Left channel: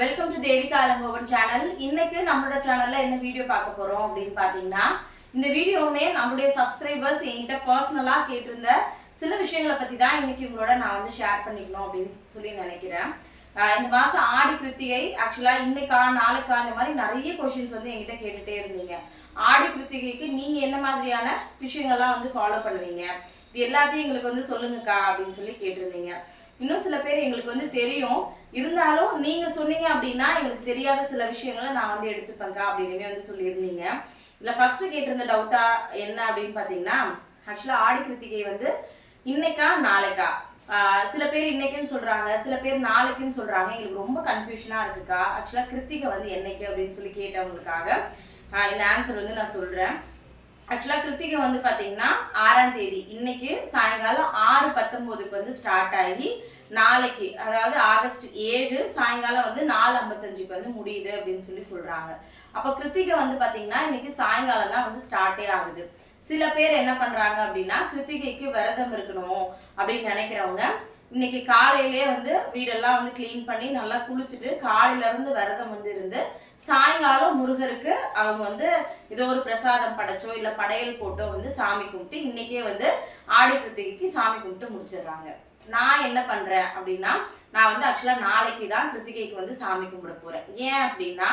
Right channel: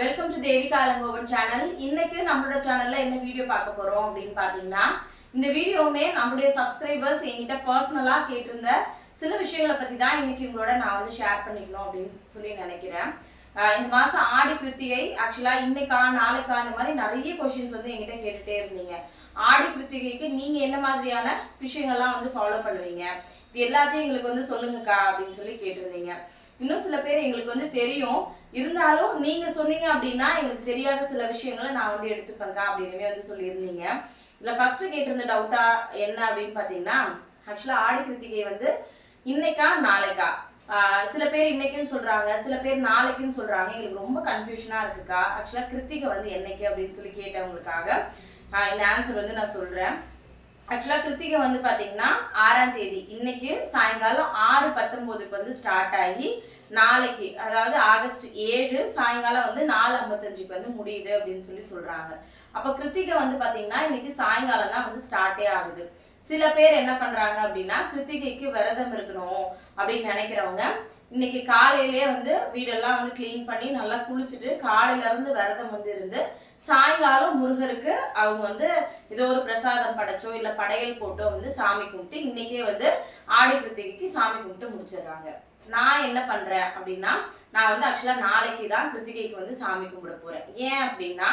Welcome to Devika Alangovan channel. இன்னைக்கு நம்மளோட சேனல்ல என்ன வீடியோ பார்க்க போறோம் அப்படின்னு பாத்தீங்கன்னா, இந்த வீடியோவுமே நம்மளுடைய சப்ஸ்கிரைபர்ஸ் என்கிட்ட பர்சனலா கேட்டிருந்த சில விஷயங்களை பத்தி தான் இன்னைக்கு உங்களோட நான் வந்து ஷேர் பண்ணிக்கணும் அப்படின்னு சொல்லி நினைக்கிறேன். இந்த மாசம் ஆடி கிருத்திகை ஆக்சுவலா இன்னைக்கா நாளைக்கா இந்த மாதிரி நிறைய கொஸ்டின்ஸ் வந்து என்கிட்ட கேட்டுட்டே இருந்தீங்க. ஆடி கிருத்திகைக்கு நீங்க என்ன மாதிரியான விஷயங்கள்லாம் வந்து ஃபாலோ பண்ணுவீங்க, இது எல்லாத்தையும் எங்களுக்கு வந்து சொல்லுங்கக்கா அப்படின்னு சொல்லி கேட்டிருந்தீங்க. இன்னும் சில பேர் எங்களுக்கு வந்து தெரியும், இருந்தாலும் நீங்க சொன்னீங்க அப்படின்னா எங்களுக்கு தெரியாத சில விஷயங்களை நான் வந்து எடுத்துப்பேங்க அப்படின்னு வந்து சொல்லியிருந்தீங்க. இதுல ஃபர்ஸ்ட் கேட்டிருந்த டவுட்டா என்ன அப்படின்னு பாத்தீங்கன்னா, ஆக்சுவலா ஆடி கிருத்திகை வந்து இன்னைக்கா நாளைக்கா, சில பேர் இன்னைக்குன்னு சொல்றாங்க, சில பேர் நாளைக்குன்னு சொல்றாங்க. எங்களுக்கு ரொம்ப கன்ஃபியூஷனா இருக்குக்கா. ஆக்சுவலா கிருத்திகை வந்து என்னைக்கு அப்படின்னு சொல்லி கேட்டவங்களுக்காக இந்த ஆன்சர் வந்து நான் சொல்றேன். ஆக்சுவலா கிருத்திகை வந்து பாத்தீங்கன்னா 6ஆம் தேதி இன்னைக்கு சாயங்காலம் 6:19க்கு வந்து ஸ்டார்ட் ஆகி நாளைக்கு அதாவது ஆகஸ்ட் 7 சாயங்காலம் வந்து 4:55க்கு வந்து முடியுது அப்படின்னு சொல்லி சொல்றாங்க. அப்ப கிருத்திகை வந்து பாத்தீங்கன்னா இன்னைக்கு சாயங்காலம் தான் வந்து ஸ்டார்டே ஆகுது. சில பேர் என்ன பண்றாங்க அப்படின்னா, கிருத்திகைக்கு விரதம் இருக்கணும் அப்படின்னு நினைக்கிறவங்க இன்னைக்கு காலையிலேயே வந்து வீடெல்லாம் வந்து கிளீன் பண்ணி நல்லா குளிச்சுட்டு காலையில இருந்து விரதம் வந்து இருந்து சாயங்காலம் முருகருக்கு அவங்க வந்து ஏதோ ஒரு பிரசாதம் படைச்சோ இல்ல படையல் போட்டோ வந்து சாமி கும்பிட்டு இன்னைக்கே வந்து ஆடி கிருத்திகைக்கு சாமி கும்பிட்டு முடிச்சிடுறாங்க. நான் என்ன பண்றேன் அப்படின்னா, நான் வந்து ஆக்சுவலா நாளைக்கு தான் கிருத்திகைக்கு வந்து சாமி கும்பிட போறேன். ஏன் அப்படின்னா,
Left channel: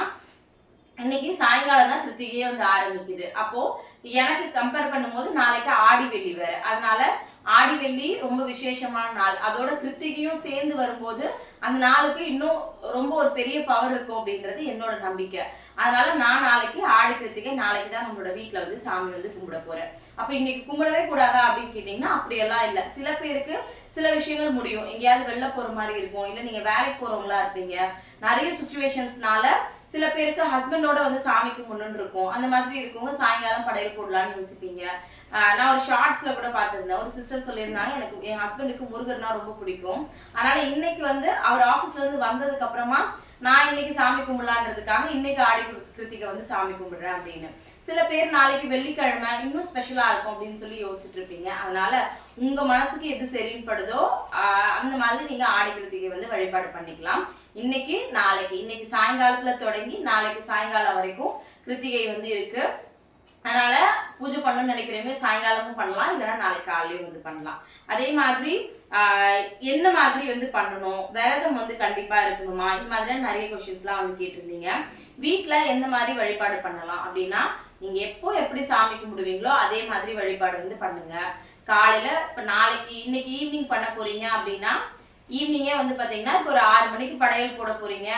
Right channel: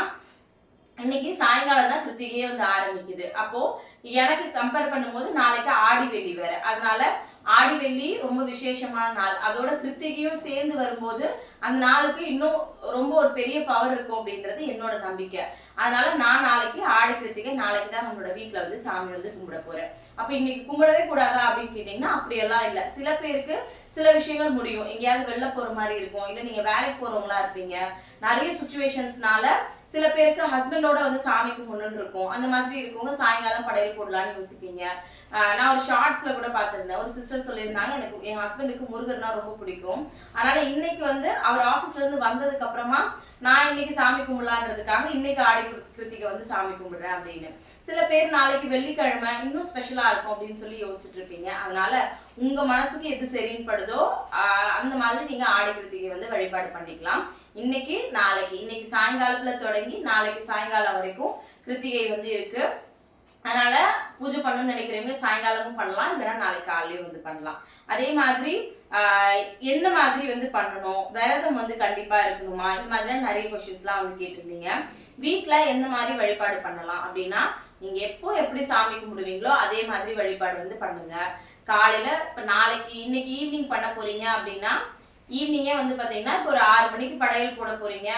இன்னைக்கு சாயங்காலம் தான் கிருத்திகையே வந்து ஆரம்பிக்குது. அப்போ எனக்கு கம்பேர் பண்ணும்போது நாளைக்கு ஆடி வெள்ளி வேற, அதனால ஆடி வெள்ளி ரொம்ப விசேஷமான நாள், அதோட கிருத்திகையும் சேர்ந்து வரும்போது அந்த நாளுக்கு இன்னும் ரொம்ப ஒரு பெரிய பவர் இருக்கும் அப்படின்றது என்னோட நம்பிக்கை. அதனால நான் நாளைக்கு ஆடி கிருத்திகை நாளைக்கு தான் நம்மளோட வீட்டுல வந்து சாமி வந்து கும்பிட போறேன். அப்ப இன்னைக்கு கும்பிடவே கூடாதா அப்படின்னு கேட்டீங்கன்னா அப்படியெல்லாம் இல்லை. சில பேருக்கு சில விஷயங்கள் முடியும், எங்கேயாவது வெளில போற மாதிரி இருக்கும், இல்ல நீங்க வேலைக்கு போறவங்களா இருப்பீங்க, நிறைய சுச்சுவேஷன்ஸ்னால சில பேருக்கு ஹஸ்பண்டோட வந்து சாமி கும்பிடணும்னு இருக்கும். அந்த மாதிரி இருக்கவங்க சாயங்காலம் படையல் போடலான்னு யோசிப்பீங்க. நான் ஒரு ஷார்ட்ஸ்ல கூட பார்த்திருந்தேன், ஒரு சிஸ்டர் சொல்லியிருந்தாங்க, எனக்கு என் ஹஸ்பண்டுக்கு முருகர்னா ரொம்ப பிடிக்கும், அதனால இன்னைக்கு வந்து அவர் ஆபீஸ்ல இருந்து வந்ததுக்கு அப்புறமா நான் இன்னைக்கு சாமி கும்பிடலான்றதுக்காக இன்னைக்கு ஆடி கிருத்திகை வந்து சாமி கும்பிடுறேன் அப்படின்னு. சில பேர் நாளைக்கு வெள்ளிக்கிழமை இன்னும் ஸ்பெஷலா இருக்கும் அப்படின்னு சொல்லி யோசிச்சுட்டு இருப்பீங்க. அதனால உங்க மனசுக்கு எது சரின்னு படுதோ அந்த மாதிரி நீங்க ஆடி கிருத்திகை வந்து வழிபாடு பண்ணிக்கலாம். இன்னைக்கு நாளைக்கு, இன்னைக்கு சாயங்காலத்துல தொடங்கி நாளைக்கு சாயங்காலம் வரைக்கும் கிருத்திகை வந்து இருக்கு. அதனால பூஜை பண்ணணும்னு நினைக்கிறவங்க சாயங்காலமும் பண்ணலாம், இல்லைன்னா நாளைக்கு காலையிலயும் வந்து பண்ணலாம். அதே மாதிரி என்ன மாதிரி வந்து பண்ணணும், விரதம் வந்து கண்டிப்பா இருக்கணுமா, இந்த மாதிரிலாம் நிறைய கொஸ்டின்ஸ் எல்லாம் வந்து கேட்டிருந்தீங்க. வீட்டுல எந்த மாதிரி வழிபாடு பண்ணலாம் அப்படின்னா, நீங்க எப்போ எப்படி சாமி கும்பிடுவீங்களோ அதே மாதிரி வழிபாடு வந்து பண்ணுங்க. காலையில இப்ப நாளைக்கு இன்னைக்கு ஈவினிங் பண்ண போறீங்க அப்படின்னா, ஈவினிங்கே வந்து பாத்தீங்கன்னா இப்போ ஒரு 6 மணிக்கு படையல் போட போறீங்க,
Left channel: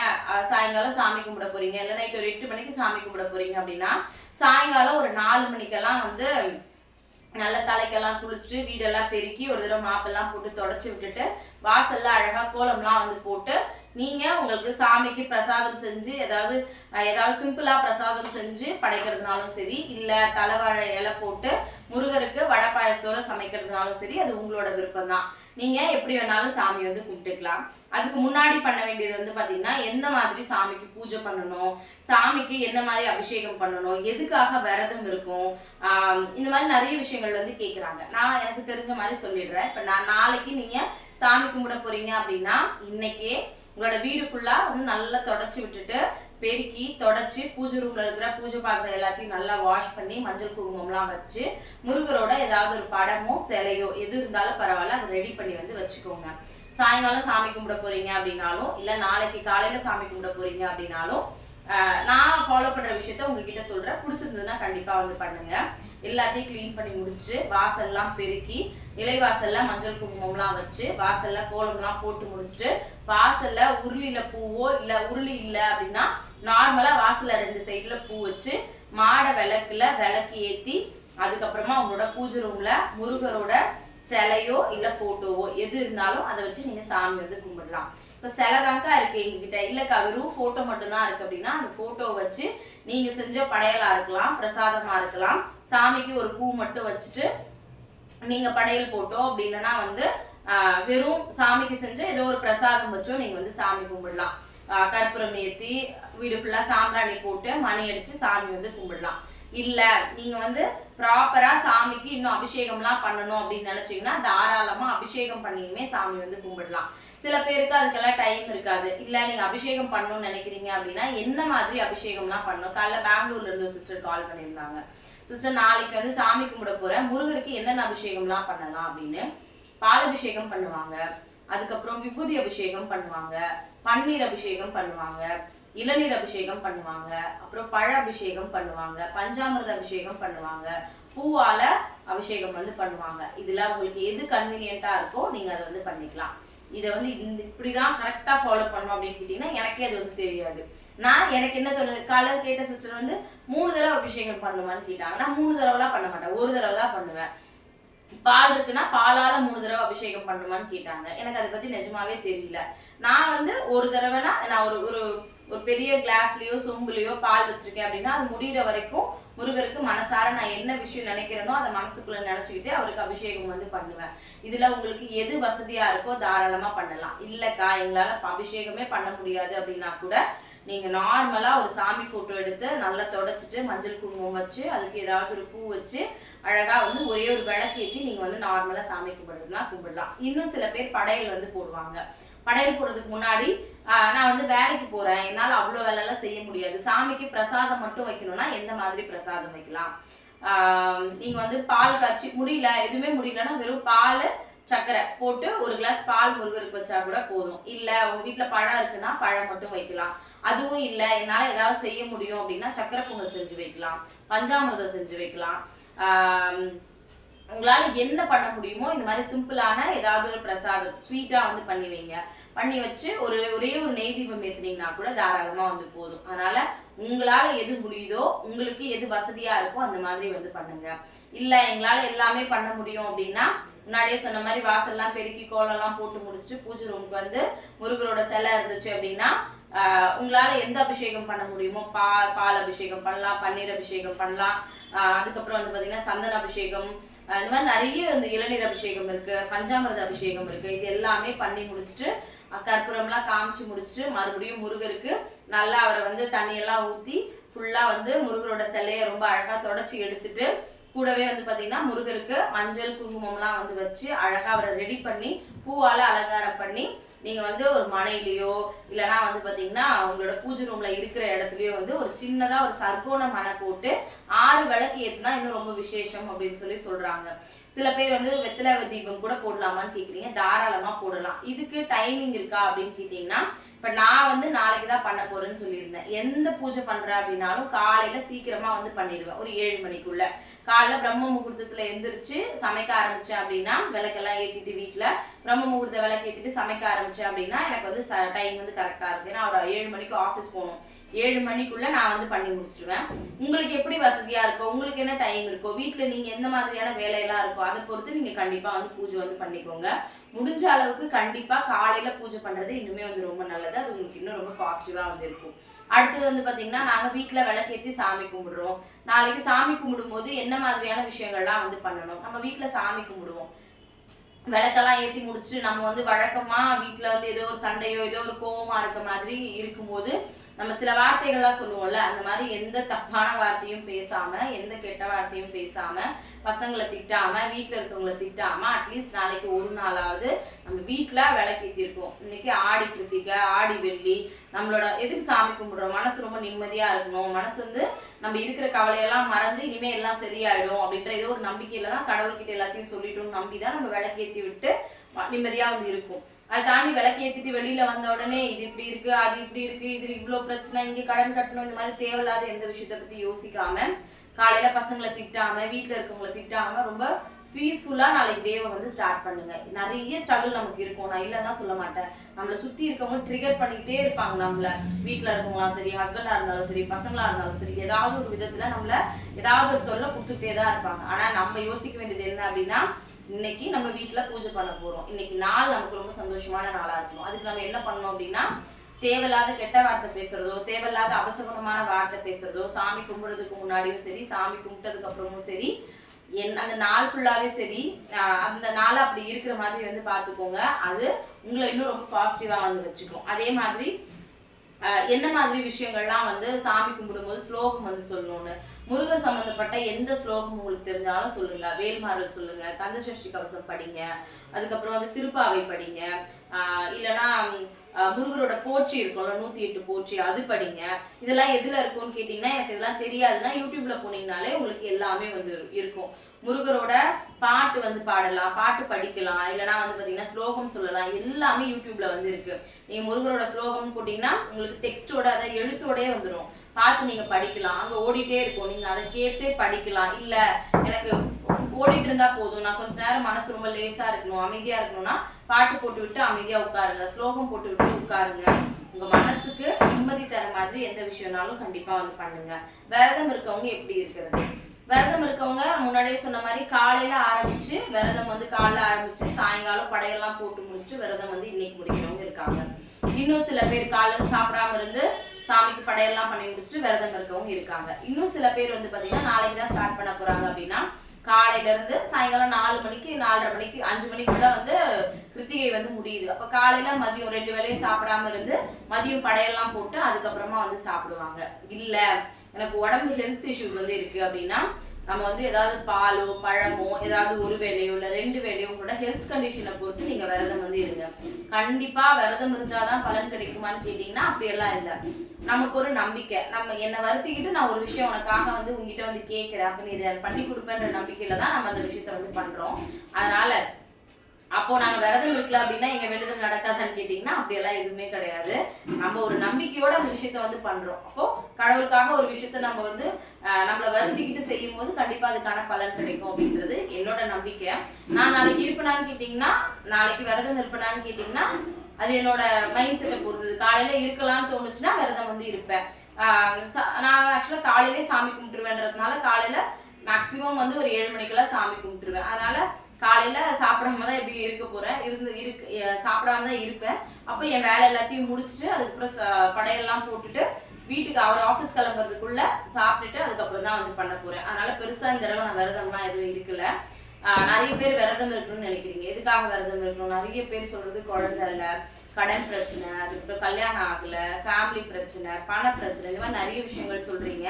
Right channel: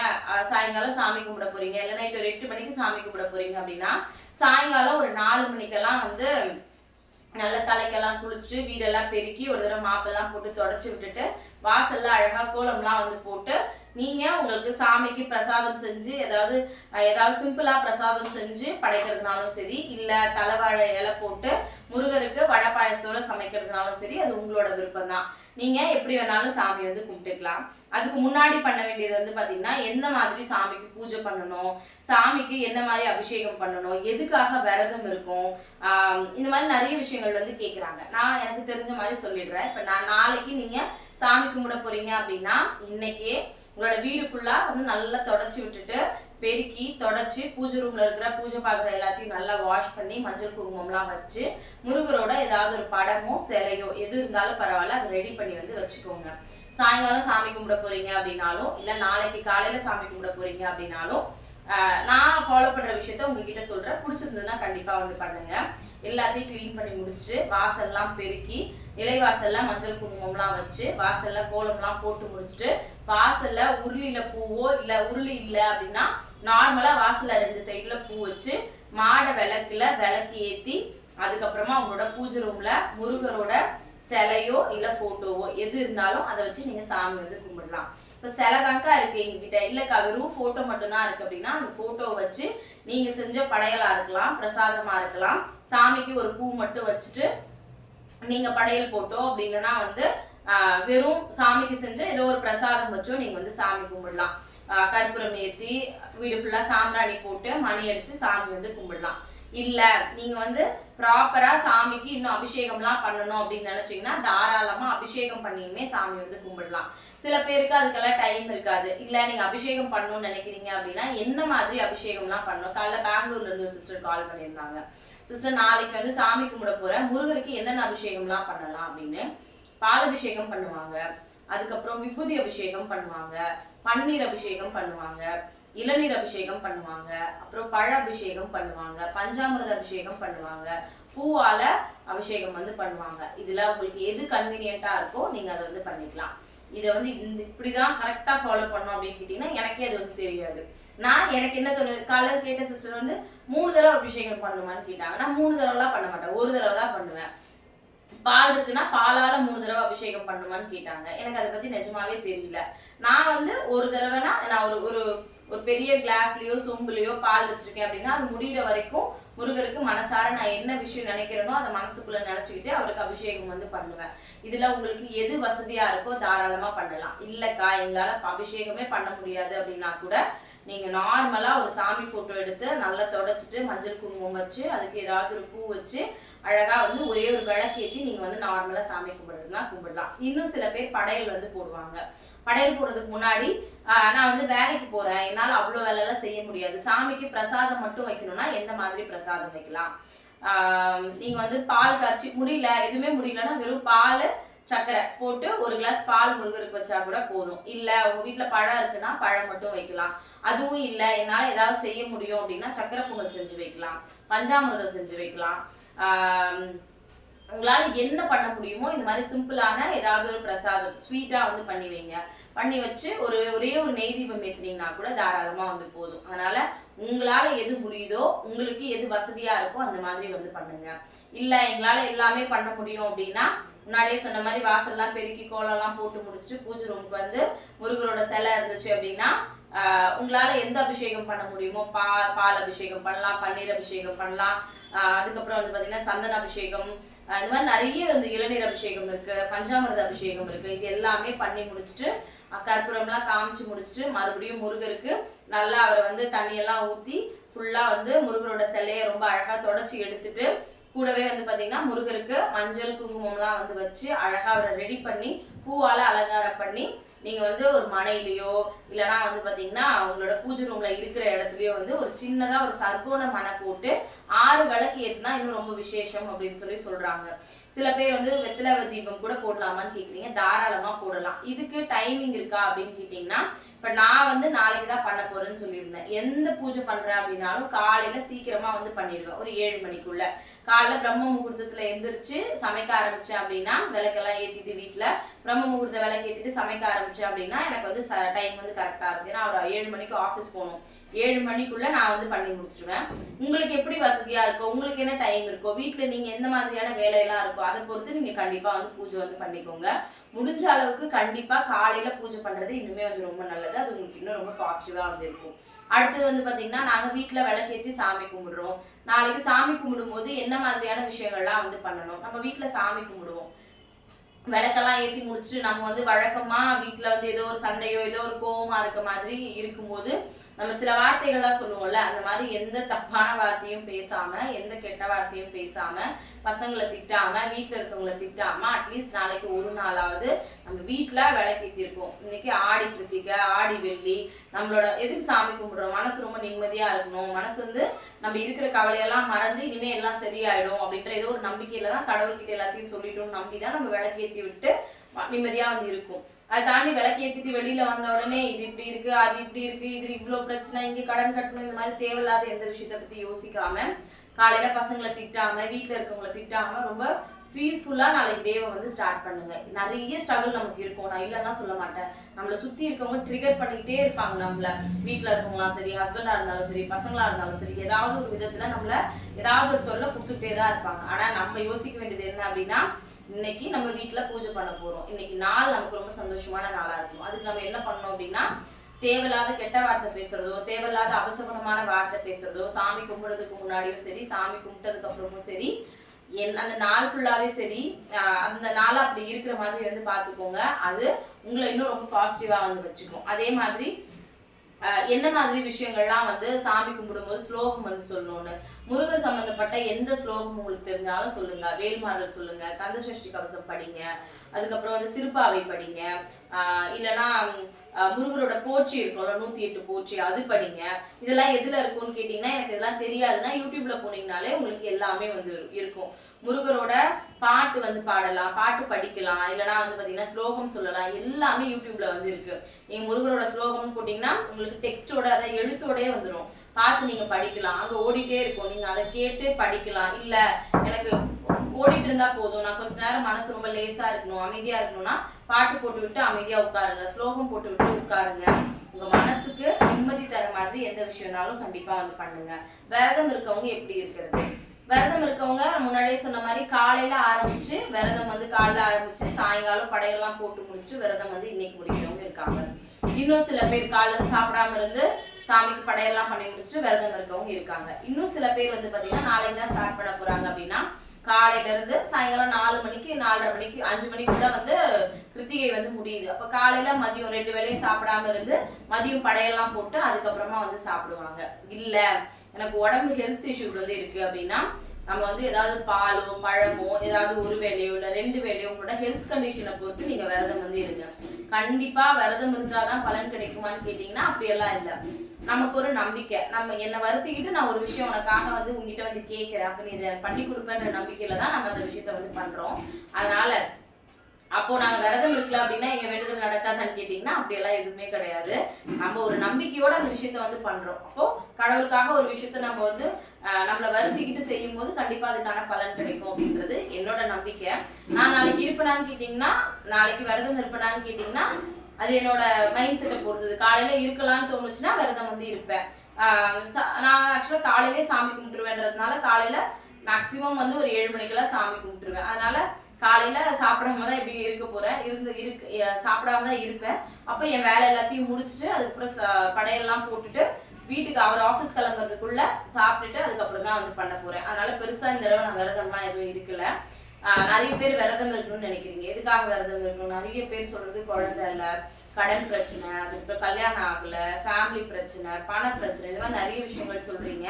சாயங்காலம் சாமி கும்பிட போறீங்க, இல்லை நைட் ஒரு 8 மணிக்கு சாமி கும்பிட போறீங்க அப்படின்னா சாயங்காலம் ஒரு 4 மணிக்கெல்லாம் வந்து நல்லா தலைக்கெல்லாம் குளிச்சுட்டு வீடெல்லாம் பெருக்கி ஒரு தடவை மாப்பெல்லாம் போட்டு தொடச்சி விட்டுட்டு வாசல்லாம் அழகா கோலம்லாம் வந்து போட்டு நீங்க உங்களுக்கு சாமிக்கு பிரசாதம் செஞ்சு ஏதாவது சிம்பிளா பிரசாதம் செஞ்சு படைக்கிறதுனாலும் சரி, இல்ல தலைவாழை இலை போட்டு முருகருக்கு வடை பாயசத்தோட சமைக்கிறதுனாலும் சரி, அது உங்களோட விருப்பம் தான். நீங்க எப்படி வேணாலும் சாமி வந்து கும்பிட்டுக்கலாம். அதுக்கு முன்னாடி பண்ண வேண்டியது வந்து பாத்தீங்கன்னா, எந்த மாதிரி சாமிக்கு பூஜை பண்ணணும், சாமிக்கு என்ன மாதிரி அபிஷேகம் பண்ணணும், எதுக்காக விரதம் இருக்கும், இந்த மாதிரி நிறைய விஷயங்கள் வந்து கேட்குறாங்க. நான் எனக்கு தெரிஞ்ச மாதிரி சொல்லிடுறேன். இப்ப நான் நாளைக்கு நீங்க சாமி கும்பிட போறீங்க அப்படின்னா, இன்னைக்கே உங்களோட வீடு ஃபுல்லா வந்து நல்லா தொடச்சி விட்டுட்டு பெருக்கி தொடச்சி பூஜை ரூம்ல இருக்கிற பூஜை பாத்திரம் எல்லாத்தையும் நல்லா வாஷ் பண்ணி மஞ்சள் குங்குமம்லாம் வச்சு முருகரோட ஏதாவது ஒரு படமோ சிலையோ எது இருந்தாலும் பரவாயில்ல, அதை ரெடி பண்ணி வந்து வச்சுக்கோங்க. சாயங்காலம் சாமி கும்பிட போறீங்க அப்படின்னாலும், இல்ல நாளைக்கு காலையில சாமி கும்பிட போறீங்க அப்படின்னாலும், நான் ஃபாலோ பண்ற விஷயத்த உங்ககிட்ட சொல்றேன். பிடிச்சிருந்ததுன்னா கண்டிப்பா வந்து பண்ணுங்க. எல்லாத்தையும் கிளீன் பண்ணி முடிச்சுட்டு வாசல்லாம் பெருக்கி நிலைவாசல்ல மஞ்சள் குங்குமம்லாம் வச்சு வாசல்ல கோலம்லாம் போட்டு முடிச்சுட்டு வாசல்ல உருளியில பூவோ இல்ல உருளி இல்லை அப்படின்னா நார்மலா வாசல்ல 2 சைடுல பூ வச்சு மாட விளக்குல விளக்கு ஏத்தி அதுக்கப்புறமா உங்களோட பூஜை ரூம்ல முருகரோட சிலையோ இல்ல போட்டோவோ எது இருந்தாலும் அதை வச்சு நீங்க சாமி வந்து கும்பிடலாம். இப்ப சிலை தாங்கா இருக்கு எங்ககிட்ட, இல்லக்கா வெறும் போட்டோ மட்டும்தான் இருக்கு அப்படின்னா அந்த போட்டோ வச்சு நீங்க செஞ்ச படையலா இருக்கலாம், பிரசாதமா இருக்கலாம், சாமிக்கு ஒரு பூ மட்டும் வச்சுட்டு நீங்க படையல் போட்டோ அப்படி இல்லைன்னா வந்து வெறும் சாமிக்கு செஞ்ச ஏதோ ஒரு பிரசாதம் வச்சோ நீங்க வந்து சாமி கும்பிடலாம். கற்பூரம் ஏத்தி வீடு ஃபுல்லா சாம்பிராணி போட்டு மணி அடிச்சு சாமி வந்து கும்பிடலாம். இல்ல நீங்க வந்து ப்ராப்பரா சாமிக்கு இன்னும் அபிஷேகம்லாம் பண்ணணும் அப்படின்னு நினைச்சீங்கன்னா தாராளமா அபிஷேகம் பண்ணியுமே சாமி வந்து கும்பிடலாம். சில பேருக்கு அதுக்கெல்லாம் டைம் இருக்காது. இல்ல நீங்க அபிஷேகம் பண்ணணும்னு நினைக்கிறீங்க அப்படின்னா என்ன மாதிரி அபிஷேகம்லாம் பண்ணணும். காலைல பெங்களூர்ல இருந்து ஒரு சிஸ்டர் கால் பண்ணியிருந்தாங்க. சிஸ்டர் நாளைக்கு வந்து சாமி கும்பிட போறேன், முருகருக்கு என்னென்ன அபிஷேகம்லாம் பண்ணலாம் அப்படின்னு. பால் அபிஷேகம் பண்ணுவாங்க, அதுக்கப்புறம் விபூதி அபிஷேகம் பண்ணுவாங்க, பன்னீர் அபிஷேகம் பண்ணுவாங்க, இளநீர் அபிஷேகம் பண்ணுவாங்க, அப்புறம் பழ அபிஷேகம் பண்ணுவாங்க, பஞ்சாமிர்த அபிஷேகம் பண்ணுவாங்க, பூவால அபிஷேகம் வந்து பண்ணுவாங்க. இதுல உங்களுக்கு எது கன்வீனியன்ட்டா இருக்கோ நீங்க அதை வந்து பண்ணிக்கலாம். இதை வந்து இப்படிதான் கரெக்டா ஃபாலோ பண்ணணும் அப்படின்னு கேட்டீங்கன்னா எனக்கே அது வந்து தெரியாது. எனக்கு என்ன தோணுது, காலையில் கேட்ட சிஸ்டர் வந்து 3 தடவை அபிஷேகம் பண்ணுமான்னு கேட்டாங்க. நான் 3 தடவைலாம் பண்ண மாட்டேன், ஒரு தடவை தான் பண்ணுவேன். பால் இருக்குன்னா பாலால 3 தடவை அபிஷேகம் பண்ணுமான்னு கேட்டாங்க. எனக்கு அதை பத்தி நிஜமாவே தெரியல. நான் வந்து ஒரு தடவைனா நான் ஒரு ஒரு ஒரு பெரிய கிளாஸ்லயோ சொம்புலயோ பால் வச்சிருக்கேன் அப்படின்னா அது முடிகிற வரைக்கும் முருகருக்கு மனசார நான் என்ன விஷயம் நினைக்கிறேனோ அதை மனசுக்குள்ள நினைச்சுக்கிட்டு அவருக்கு அபிஷேகம் வந்து பண்ணுவேன். இதுல உங்களுக்கு எது வசதியா இருக்கோ தாராளமா பண்ணலாம். இல்லக்கா எங்களால அபிஷேகமே பண்ண முடியாது அப்படின்னா கூட நீங்க நார்மலா ஒரு சாமி போட்டோ எடுத்து நல்லா தொடச்சிட்டு மஞ்சள் குங்குமம் வச்சு அதுக்கு ஏதாவது ஒரு பூ வச்சு அழகா வந்து ஒரே ஒரு விளக்கு ஏற்றி நீங்க வந்து நார்மலா சாமி கும்பிடுறதுனா கும்பிடலாம். இன்னும் சில பேர் படையல் வந்து போடுவாங்க. படையல் போடுறதுக்கு முன்னாடி நான் வந்து வேலைக்கு போறேன், என்னால அவ்வளோ வேலையெல்லாம் செய்ய முடியாது, சாமிக்கு பிரசாதம் மட்டும் வைக்கணும்னா எந்த மாதிரி பிரசாதம் வைக்கலாம். நீங்க வந்து பால் காய்ச்சி முடியல, எதுவுமே முடியலன்னா வெறும் பால் சர்க்கரை போட்டு ஒரு கிளாஸ் பால் முருகருக்கு வச்சா கூட போதும். இல்ல உங்க வீட்டுல பழம் இருக்குன்னா பழம் மட்டும் வைக்கலாம். அதுவும் இல்ல என்னால ஏதாவது செய்ய முடியும் அப்படின்னா சக்கரை பொங்கல் செஞ்சு வைக்கலாம், பஞ்சாமிர்தம் செஞ்சு வைக்கலாம். உங்களால என்ன பண்ண முடியுமோ இந்த மாதிரி சிம்பிளான ஏதாவது ஒரு பிரசாதம் ஸ்வீட்டா வந்து பண்ணி வைங்க. பண்ணி வச்சு ஒரே ஒரு நெய் தீபம் ஏத்துனீங்கன்னா கூட தாராளமா வந்து போதும். அதனால உங்களால எது முடியுதோ உங்களுக்கு எது வசதியா இருக்கோ அந்த மாதிரி வந்து பண்ணுங்க. இல்ல எங்களால எல்லாமே பண்ண முடியும் அப்படின்னா முன்னாடியே சொன்ன மாதிரி வாசல்லாம் பெருக்கி கோலம்லாம் போட்டு முடிச்சுட்டு பூஜை ரூமுக்கு வந்து முருகரோட சிலை இருந்துச்சு அப்படின்னா உங்களால எந்த அபிஷேகம் பண்ண முடியுமோ பால் அபிஷேகம் பண்ணலாம், பன்னீர் அபிஷேகம் பண்ணலாம். அதுக்கப்புறம் வந்து பாத்தீங்கன்னா சந்தன அபிஷேகம், இந்த மாதிரி நிறைய வந்து இளநீர் அபிஷேகம் இருக்கு, பஞ்சாமிர்த அபிஷேகம் இருக்கு. இது எல்லாமே பண்ணி முடிச்சுட்டு கற்பூரம்லாம் காமிச்சு முடிச்சுட்டு மறுபடியும் முருகருக்கு நல்லா அவரை வந்து தண்ணியெல்லாம் ஊற்றி ஃபுல்லா வந்து முருகரோட சிலையை ரொம்ப அழகா தொடச்சி எடுத்துட்டு கூடவே வந்து பாத்தீங்கன்னா முருகருக்கு மஞ்சள் குங்குமம்லாம் வந்து வச்சு அழகா அவரை ரெடி பண்ணி பூவால அலங்காரம் பண்ணி நீங்க வந்து ஒரு மனையிலயோ இல்லைன்னா வந்து பாத்தீங்கன்னா உங்களோட பூஜை ரூம்ல இருக்கிற இடத்துலயோ வந்து ஒரு சின்னதா ஒரு சர்க்கோண மனை போட்டு 6 விளக்கு ஏத்துனா இன்னும் ரொம்ப விசேஷம் அப்படின்னு சொல்லி சொல்றாங்க. சில பேர் வந்து வெத்தலை தீபம் கூட போடலாமான்னு கேக்குறீங்க, தாராளமா போடலாம். இதுக்கு டைமிங் இருக்கா அப்படின்னு கேட்டீங்கன்னா இப்ப நான் வந்து நாளைக்கு தான் பண்ண போறேன்னு சொல்லியிருந்தேன். எந்த பூஜை பண்றேன் அப்படின்னாலும் காலையில சீக்கிரமா வந்து பண்ணிடுவேன், ஒரு 7 மணிக்குள்ள. காலைல பிரம்ம முகூர்த்தத்துல எந்திரிச்சு சமைக்க ஆரம்பிச்சேன் அப்படின்னா விளக்கெல்லாம் ஏத்திட்டு வீட்டுல பிரம்ம முகூர்த்த விளக்கு ஏத்திட்டு சமைக்க ஆரம்பிச்சேன் அப்படின்னா எனக்கு வந்து டைம் வந்து கரெக்டா இருக்கு. ஏன்னா ஒரு 7 மணிக்கு ஆஃபீஸ் போகணும், 7 மணிக்குள்ள நான் வந்து பண்ணி முடிச்சிருவேன். உங்களுக்கு எப்படி வசதியா இருக்கோ, உங்களுக்கு என்ன டைம் இருக்கோ, வீட்டுல நீங்க எந்த மாதிரியான வேலையெல்லாம் இருக்கோ அதை பொறுத்து நீங்க கண்டிப்பா வந்து பூஜை வந்து பண்ணிக்கோங்க. முடிஞ்ச அளவுக்கு கண்டிப்பா காலையில பூஜை பண்றது இன்னுமே வந்து ரொம்ப நல்லது. அது உங்களுக்கு இன்னும் ரொம்ப பாசிட்டிவா வந்து இருக்கும். அடுத்தது வந்து பாத்தீங்கன்னா நாங்க வீட்டுல விளக்கேத்தி சாமி கும்பிடுறோம். நாளைக்கு சாமி கும்பிடும் போது என்ன மாதிரியான விஷயங்கள்லாம் வந்து பண்ணணும். நம்ம வீட்டுல சாமி கும்பிடுவோம், விளக்கெல்லாம் ஏற்றி முடிச்சுட்டு நம்ம வந்து வழக்கமா வீட்டுல வந்து ஏதோ ஒரு சண்டையோ ஏதோ ஒரு கோவமா இருக்க மாதிரி இருக்கும்போது நம்ம சில வார்த்தைகள்லாம் சொல்லுவோம்ல, அந்த மாதிரி எந்த தப்பான வார்த்தையும் பேசாம எந்த கெட்ட வார்த்தையும் பேசாம பசங்களை திட்டாம வீட்டுல இருக்கவங்களை திட்டாம அட்லீஸ்ட் நாளைக்கு ஒரு நாளாவது நம்ம வீட்டுல விளக்கேற்றிருக்கோம். இன்னைக்கு ஆடி கிருத்திகை, ஆடி வெள்ளி, நம்மளோட எதுக்கு சாமி கும்பிடுறோம், மனசு ரொம்ப நிம்மதியா இருக்கணும், மனசு வந்து நம்ம இருக்கிற கவலையெல்லாம் மறந்து இனிமே எல்லாம் சரியாயிடும் அப்படின்ற ஏதோ ஒரு நம்பிக்கையில தான் கடவுள்கிட்ட எல்லாத்தையும் சொல்லிட்டோம்னு நம்பிதான் நம்ம விளக்கேற்றி விட்டு நிம்மதியா வந்து இருக்கும். அதை தாண்டி விளக்கேற்றிட்டு வெளியில வந்த உடனே இது இப்படி இருக்கு, அது இப்படி இருக்கு, இது இவ்வளவு பிரச்சனை, இங்க கடன் கட்டணும், இந்த மாதிரி தேவையில்லாத எந்த விஷயத்த பத்தி யோசிக்காம காலையில பசங்களை திட்டாம வீட்டுல இருக்கவங்களை திட்டாம ரொம்ப பீஸ்ஃபுல்லா நாளைக்கு டேவை வந்து ஸ்டார்ட் பண்ணுங்க. நிறைய ஸ்ட்ரகிள் நமக்கு இருக்கும், நான் இல்லைன்னா சொல்ல மாட்டேன். நம்மளை சுத்தி இருக்கவங்க ட்ரிகர் பண்ணிக்கிட்டே இருப்பாங்க. நம்மள வீட்டுல இருக்கவங்களாம் சரி, ஹஸ்பண்டா இருந்தாலும் சரி, பசங்களா இருந்தாலும் சரி, ஏதாவது ஒரு விதத்துல நம்மள ஏதாவது ஒரு தொல்லை கொடுத்துக்கிட்டே தான் இருப்பாங்க. ஆனா நம்ம யோசிக்க வேண்டியது என்ன அப்படின்னா இன்னைக்கு நம்ம வீட்டுல பூஜை பண்ண போறோம், இன்னைக்கு நாள் நமக்கு ரொம்ப சந்தோஷமான நாளா இருக்கணும். அதுக்கு நம்ம என்ன பண்ணணும் அப்படின்னா தேவையில்லாத கெட்ட வார்த்தை பேசுறதோ தேவையில்லாத அபசகுணமான வார்த்தை பேசுறதோ சாமி கும்பிடுறதுக்கு முன்னாடியும் சரி சாமி கும்பிட்டதுக்கு அப்புறமும் சரி அந்த நாள் ஃபுல்லாவே சரி அந்த நாள் அப்படி இருக்கிற மாதிரி வந்து பார்த்துக்கோங்க. அது உங்களை இன்னும் ரொம்ப பாசிட்டிவா வந்து வச்சுக்கும். அதே மாதிரி என்ன மாதிரி விஷயங்கள்லாம் வந்து சாமி கும்பிடும்போது ஸ்லோகம் வந்து சொல்லணும்னு, முருகர் சம்பந்தப்பட்ட எந்த ஸ்லோகம் உங்களுக்கு தெரிஞ்சாலும் சொல்லுங்க. வேல்மாறல் சொல்லுங்க, கந்தசஷ்டி கவசம் படிங்க, அதுக்கப்புறம் வந்து திருப்பாவை படிங்க, இல்லைன்னா முருகரோட போற்றி இருக்கும்ல 108 போற்றி அது படிங்க. இதெல்லாம் எதுல இருக்கும்னு கேட்டீங்கன்னா எனக்கு இதெல்லாம் தெரியாதுன்னா யூடியூப்ல போனீங்கனாலே உங்களுக்கு எல்லாமே வந்து இருக்கும். முருகரோட பாட்டு வந்து பாடலாம், பாட்டு படிக்கலாம், இல்லைன்னா வந்து பாத்தீங்கன்னா ஸ்லோகம் சொல்லலாம், எல்லாமே யூடியூப்ல வந்து இருக்கு. நீங்க முருகரோட ஸ்லோகம்னு போட்டீங்கன்னா உங்களுக்கு டெக்ஸ்டோட அதை எழுத்தோடயே வந்துடும், பார்த்து நீங்க படிக்கலாம். அங்க ஓடிட்டே இருக்கும், நீங்க அதை கேட்டு படிக்கலாம். இல்ல எனக்கு ஓடிட்டு இருந்தா போதும், நான் கொஞ்ச நேரம் மனசு ரொம்ப லேசா இருக்கணும், அமைதியா இருக்கணும்னா பாட்டு போட்டு விட்டு அமைதியா உட்காருங்க, ஸ்லோகம் போட்டு விட்டு உட்காருங்க. உங்க மனசுக்கு நிம்மதி தர மாதிரி எந்த விஷயம்னாலும் கண்டிப்பா வந்து பண்ணுங்க. விரதம் இருக்கவங்க எப்படி இருக்கிறது, விரதம் இருக்கவங்க முன்னாடியே சொன்ன மாதிரி காலையில ஆரம்பிச்சு விரதம் வந்து காலைல ஆரம்பிச்சு சாயங்காலம் படையெல்லாம் போட்டு முடிச்சுட்டு விரதம் வந்து இன்னைக்கு முடிக்கிறவங்க இருக்காங்க. இன்னும் சில பேர் காலையில சாப்பிடாம இருந்து சாமிக்கு படையெல்லாம் பண்ணி முடிச்சுட்டு விரதம் இருக்கவங்க இருக்காங்க. இன்னும் சில பேர் வந்து பாத்தீங்கன்னா நாளைக்கு தான் ஸ்டார்ட் பண்ண போறாங்க அப்படின்னா காலையில இருந்து சாயங்காலம் 4 மணிக்கு 4:30 மணிக்கு 5 மணிக்குள்ள வந்து கிருத்திகை வந்து முடியுது. அப்ப காலையில மதியம் 2 வேளையும் சாப்பிடாம இருந்து மதியம் படையெல்லாம் போட்டு அதுக்கப்புறமா வந்து சாப்பிடுவாங்க. இல்ல எனக்கு உடம்பு ஹெல்த் இஷ்யூஸ் வந்து இருக்கு அப்படின்னா நம்ம வந்து ஏதாவது பாலோ பழமோ ஏதாவது ஒரு வேலையோ இல்ல 2 வேலையோ உங்களோட ஹெல்த் கண்டிஷனை பொறுத்து நீங்க விரதம் வந்து இருங்க. கண்டிப்பா விரதம் இருந்தாதான் பலன் கிடைக்குமான்னு கேட்டீங்கன்னா அப்படியெல்லாம் இல்லை. நமக்கு ஒரு நம்பிக்கை, நம்ம என்னை வருத்திக்கிட்டு நான் ஒரு விஷயம் உனக்காக வந்து உங்ககிட்ட வந்து கேட்கிறேன், அப்ப நீ இதை பண்ணி கொடுப்பேன்ற நம்பிக்கையில தான் நம்ம அந்த விஷயத்த வந்து பண்றோம். அதனால அப்போ நாங்க விரதம் இருக்கல அப்படின்னா எங்க வேண்டுதல் நடக்காதான்னு கேட்டீங்கன்னா அப்படியெல்லாம் எதுவுமே கிடையாது. நம்ம ஒரு நம்பிக்கையோட அந்த விஷயத்த வந்து பண்றோம். அப்போ கடவுளுக்காக ஒரு விஷயத்த நம்ம வந்து நம்மளை வருத்திக்கிட்டு செய்யும் போது கண்டிப்பா அதுக்கான பலன் கிடைக்கும் அப்படின்றது என்னோட நம்பிக்கை. நான் நாளைக்கு இருப்பேனான்னு கேட்டீங்கன்னா, நாளைக்கு விரதம் இருப்பேனான்னு கேட்டீங்கன்னா அது என்னோட மைண்ட் செட்டை பொறுத்தது. காலையில இருக்கலாம்னு தோணுச்சுன்னா விரதம் வந்து இருப்பேன். நான் ஆக்சுவலா காலையிலே சாமி கும்பிட்டுருவேன்றதுனால காலையில மேக்சிமம் வந்து ஒரு 7 மணிக்கெல்லாம் சாமி கும்பிட்டுருவேன். அதனால காலையில சாப்பிடாம தான் எப்படி இருக்க போறேன், சாப்பிடாம தான் இருப்பேன். அப்போ என் வேலை எல்லாத்தையும் முடிச்சுட்டு அதுக்கப்புறம் படையெல்லாம் போட்டுட்டு வீட்டுக்கு அவர் ஆஃபீஸ் கிளம்புறதுக்குள்ள சாப்பிட்டுட்டு அதுக்கப்புறம் தான் வந்து பண்ண போறேன். அதனால பெருசா இந்த தடவை நான் விரதம்லாம் எதுவும் இருக்கல. நிறைய பேர் விரதம் இருக்கணும்னு நினைக்கிறீங்க. எதுக்காக விரதம் இருக்கணும்? நிறைய பேர் சொல்றது குழந்தை இல்லை, கடன் பிரச்சனை, அதுக்கப்புறம் கல்யாணம் ஆகல, ஃபேமிலி பிரச்சனை, பண பிரச்சனை, இந்த மாதிரி நிறைய விஷயங்கள் சொல்றீங்க.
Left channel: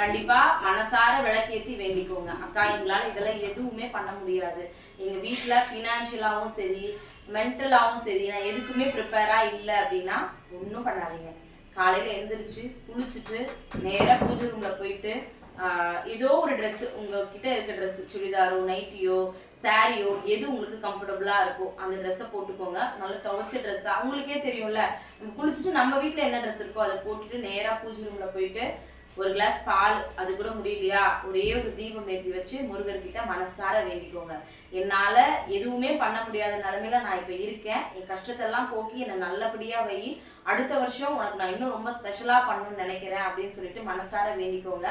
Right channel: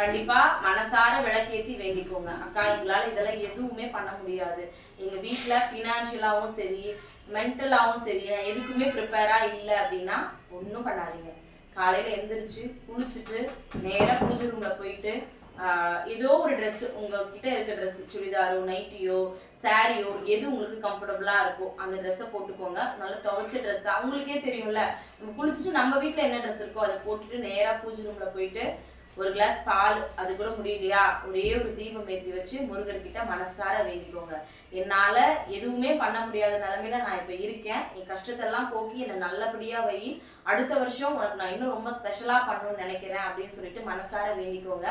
கண்டிப்பா மனசார விளக்கேத்தி வேண்டிக்கோங்க. அக்கா எங்களால இதெல்லாம் எதுவுமே பண்ண முடியாது, எங்க வீட்டுல ஃபினான்ஷியலாவும் சரி மென்டலாவும் சரி நான் எதுக்குமே ப்ரிப்பேரா இல்லை அப்படின்னா ஒன்றும் பண்ணாதீங்க. காலையில எந்திரிச்சு குளிச்சுட்டு நேரா பூஜை ரூம்ல போயிட்டு ஏதோ ஒரு ட்ரெஸ் உங்ககிட்ட இருக்க ட்ரெஸ், சுடிதாரோ நைட்டியோ சாரியோ எது உங்களுக்கு கம்ஃபர்டபுளா இருக்கோ அந்த ட்ரெஸ்ஸை போட்டுக்கோங்க. நல்லா துவைச்ச ட்ரெஸ்ஸா உங்களுக்கே தெரியும்ல, நம்ம குளிச்சுட்டு நம்ம வீட்டுல என்ன ட்ரெஸ் இருக்கோ அதை போட்டுட்டு நேரா பூஜை ரூம்ல போயிட்டு ஒரு கிளாஸ் பால், அது கூட முடியலையா ஒரே ஒரு தீபம் ஏற்றி வச்சு முருகர்கிட்ட மனசார வேண்டிக்கோங்க. என்னால எதுவுமே பண்ண முடியாத நிலைமையில நான் இப்ப இருக்கேன், என் கஷ்டத்தெல்லாம் போக்கி என்னை நல்லபடியா வை, அடுத்த வருஷம் உனக்கு நான் இன்னும் ரொம்ப ஸ்பெஷலா பண்ணணும்னு நினைக்கிறேன் அப்படின்னு சொல்லிட்டு மனசார வேண்டிக்கோங்க.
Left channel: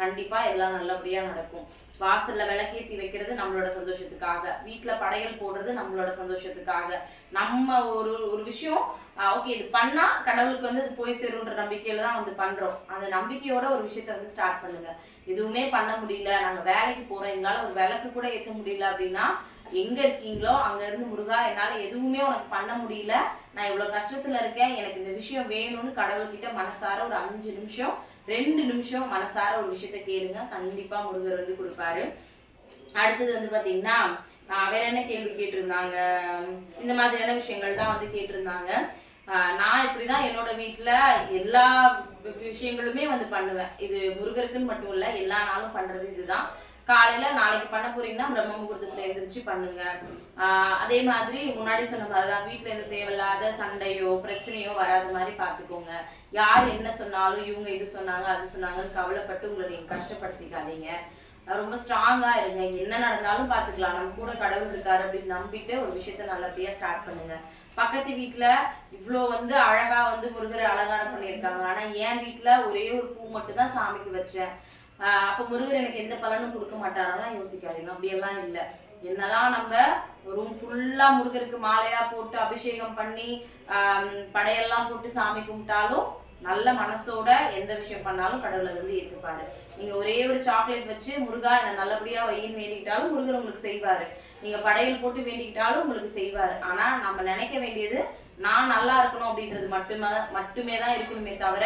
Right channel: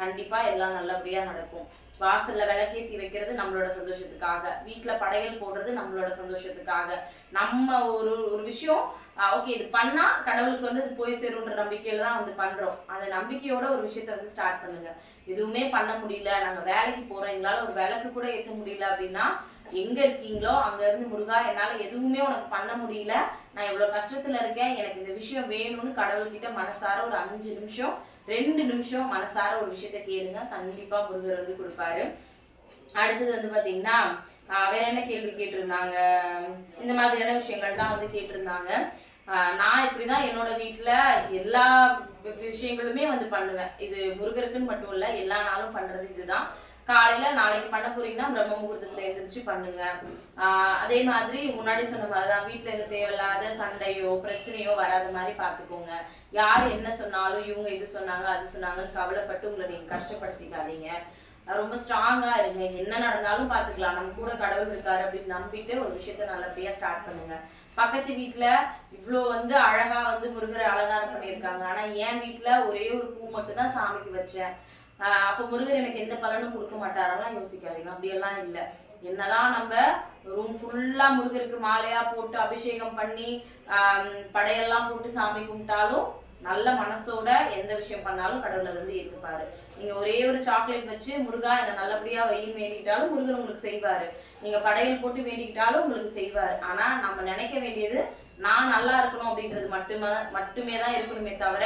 கண்டிப்பா எல்லாம் நல்லபடியா நடக்கும். வாசல்ல விளக்கேத்தி வைக்கிறது நம்மளோட சந்தோஷத்துக்காக, வீட்டுல படையல் போடுறது நம்மளோட சந்தோஷத்துக்காக. நம்ம ஒரு ஒரு விஷயம் ஓகே இது பண்ணா கடவுளுக்கு வந்து அது போய் சேரும்ன்ற நம்பிக்கையில தான் வந்து பண்றோம். அந்த நம்பிக்கையோட ஒரு விஷயத்த வந்து ஸ்டார்ட் பண்ணுங்க. எதுவுமே பண்ண முடியல, நாங்க வேலைக்கு போறோம், எங்களால ஒரு விளக்கு கூட ஏற்ற முடியல அப்படின்னா எங்க இருக்கீங்களோ அங்க இருந்து முருகா என்னால எதுவுமே உனக்கு பண்ண முடியல, நான் இவ்வளவு கஷ்டத்துல இருக்கேன், எனக்கு இந்த விஷயம் வேணும்னு கடவுள்கிட்ட மனசார ஒரு 5 நிமிஷம் 2 நிமிஷம் மனசார ஒரு விஷயத்த கேளுங்க. கண்டிப்பா முருகர் வந்து கொடுப்பாரு. அடுத்தது வந்து பாத்தீங்கன்னா வேற என்ன கேள்வி கேட்டிருந்தாங்க, இந்த மாதிரியான விஷயங்கள் தான் வந்து கேட்டிருந்தாங்க. நான் இப்படிதான் என்னோட வீட்டுல எல்லா விஷயங்களுமே வந்து பண்ணுவேன். இது முருகருக்குன்னு மட்டும் இல்ல, எல்லா நாளும் பண்றது இதுதான். காலையில நாளைக்கு பண்ண போறீங்கன்னா பிரம்ம முகூர்த்தத்துல எந்திரிச்சு பண்ணுங்க. அதே மாதிரி முன்னாடி சொன்ன மாதிரிதான் வீட்டுல இருந்து தேவையில்லாத சண்டையோ பிரச்சனையோ வராத மாதிரி பாத்துக்கோங்க. யார் என்ன சொன்னாலும் இவங்க இது சொன்னாங்க அது சொன்னாங்கன்னு கவலைப்பட்டு உங்களை நீங்க கஷ்டப்படுத்திக்காதீங்க. ரொம்ப ஸ்ட்ராங்கா இருங்க, என்ன நடந்தாலும் பாத்துக்கலாம், நம்ம கூட கடவுள் இருக்காரு அப்படின்னு நம்பிட்டு ஒரு விஷயத்த நல்லபடியா ஸ்டார்ட் பண்ணுங்க. பக்கத்து வீட்டுல இவ்வளோ வந்து அழகா வந்து முருகரை அலங்காரம் பண்ணியிருக்காங்க, ஆனா என் வீட்டுல ஒரே ஒரு பூ மட்டும் தான் சாமிக்கு வச்சேன், அப்ப முருகர் எனக்கு எந்த பலனும் கொடுக்க மாட்டாரெல்லாம் யோசிக்காதீங்க. அப்படியெல்லாம் இல்லை. என்னதான் நம்ம ரூம் ஃபுல்லா முருகருக்கு மாலையா போட்டு அபிஷேகம் பண்ணி படையெல்லாம் போட்டு சாமி கும்பிட்டாலும் நல்ல மனசோட எந்த விஷயம் பண்ணாலும் கடவுள் அதை வந்து ஏத்துப்பாரு. நீங்க ஒரே ஒரு சாக்லேட் வச்சு முருகா என்ன நல்லபடியா வையின்னு வேண்டிக்கிட்டாலும் முருகர் உங்களுக்கு செய்வாரு. நீங்க படையல் போட்டு வேண்டிக்கிட்டாலும் உங்களுக்கு செய்வாரு. ஆனா நம்ம நினைக்க வேண்டியது நான் நல்லா இருக்கணும் அப்படின்றது மட்டுமே தான் இருக்கணுமே தவிர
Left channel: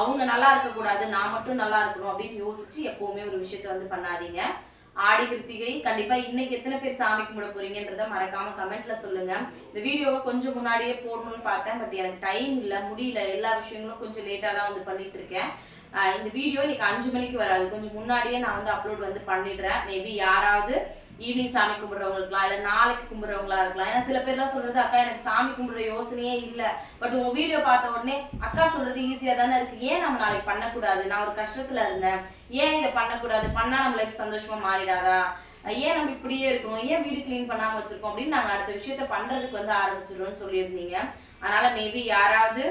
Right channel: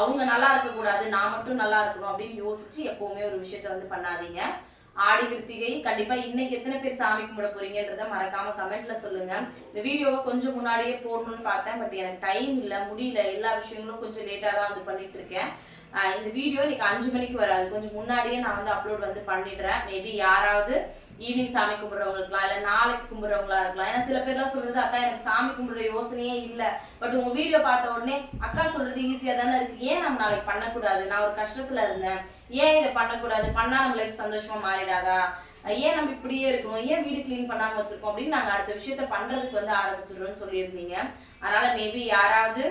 அவங்க நல்லா இருக்கக்கூடாது, நான் மட்டும் நல்லா இருக்கணும் அப்படின்னு யோசிச்சு எப்பவுமே ஒரு விஷயத்த வந்து பண்ணாதீங்க. ஆடி கிருத்திகை கண்டிப்பா இன்னைக்கு எத்தனை பேர் சாமி கும்பிட போறீங்கன்றத மறக்காம கமெண்ட்ல சொல்லுங்க. இந்த வீடியோவை கொஞ்சம் முன்னாடியே போடணும்னு பார்த்தேன், பட் எனக்கு டைம் இல்லை, முடியல. எல்லா விஷயங்களும் கொஞ்சம் லேட்டா தான் வந்து பண்ணிட்டு இருக்கேன். இந்த வீடியோ இன்னைக்கு 5 மணிக்கு வராது, கொஞ்சம் முன்னாடியே நான் வந்து அப்லோட் வந்து பண்ணிடுறேன். மேபி யாராவது ஈவினிங் சாமி கும்பிட்றவங்க இருக்கலாம், இல்லை நாளைக்கு கும்பிட்றவங்களா இருக்கலாம். ஏன்னா சில பேர்லாம் சொல்றது, அக்கா எனக்கு சாமி கும்பிடுற யோசனையே இல்லை, பட் உங்க வீடியோ பார்த்த உடனே அக்கா சொல்றது ஈஸியா தானே இருக்கு, ஏன் நம்ம நாளைக்கு பண்ணக்கூடாது, நான் ஒரு கஷ்டத்துல இருந்தேன், ஏன் இதை பண்ணக்கூடாது, பண்ணா நம்ம லைஃப் சந்தோஷமா மாறிடாதா, ஏன் நம்ம இப்படியே இருக்கணும், ஏன் வீடு கிளீன் பண்ணாம வச்சிருக்கோம் அப்படின்னு நாங்க அடுத்த விஷயத்த பண்றதுக்கு வந்து ஆரம்பிச்சிடுறோம்னு சொல்லியிருந்தீங்க. அதனால மேபி யாராவது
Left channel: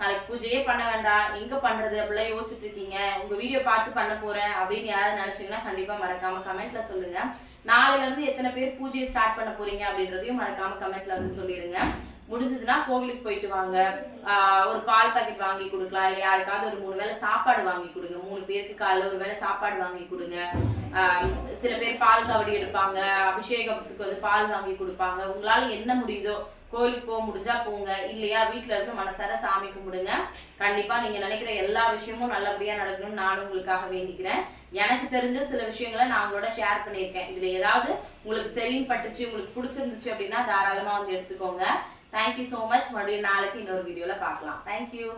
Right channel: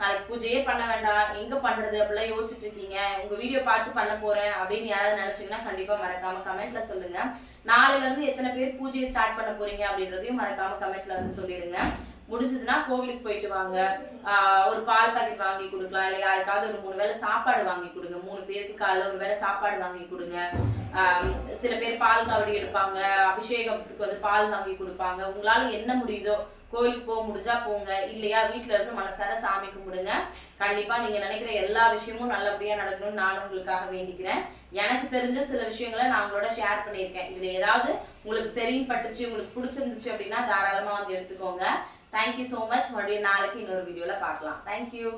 நாளைக்கு பூஜையே பண்ண வேண்டாம், எங்க பண்றது அப்படிலாம் யோசிச்சுட்டு இருக்கீங்க, உங்க வீடியோ பார்த்து பண்ண போறேன் அப்படின்னு யாராவது நினைச்சீங்கன்னா கண்டிப்பா மறக்காம கமெண்ட்ல சொல்லுங்க. நாளையில இருந்து எத்தனை பேர் பூஜையை ஸ்டார்ட் பண்ண போறீங்க அப்படின்றதையும் மறக்காம கமெண்ட்ல வந்து சொல்லிடுங்க. முடிஞ்சதுன்னா கோவிலுக்கு போயிட்டு வாங்க, ஒரு பால் பாக்கெட் வாங்கி கொடுக்கலாம், இல்லை யாருக்காவது ஒரு 3 வேளை சாப்பாடு வாங்கி கொடுங்க. 3 பேருக்கு காலைல ஒரு வேளை சாப்பாடு வாங்கி கொடுங்க. சில பேர் பால் காவடி எடுப்பாங்க, அபிஷேகத்துக்கு வந்து பால் வாங்கி கொடுப்பாங்க. உங்களால என்ன முடியுதோ, கோயிலுக்கு போக முடிஞ்சா போங்க, இல்லையா வீட்டுல இருந்து மனசார சாமி கும்பிடுங்க. கண்டிப்பா நீங்க நினைக்கிற எல்லா விஷயமும் நல்லபடியா நடக்கணும்னு நானும் உங்களுக்காக வேண்டிக்கிறேன். எனக்கு தெரிஞ்ச சில விஷயங்களை நான் உங்களோட ஷேர் பண்ணியிருக்கேன். இதுல ஏதாவது உங்களுக்கு சரின்னு பட்டுச்சு, உங்களுக்கு பிடிச்சிருந்துச்சு அப்படின்னா தாராளமா வந்து எடுத்துக்கோங்க. Thank you so much. மறுபடியும் நாளைக்கு இன்னொரு வீடியோல பார்க்கலாம். தேங்க்யூ.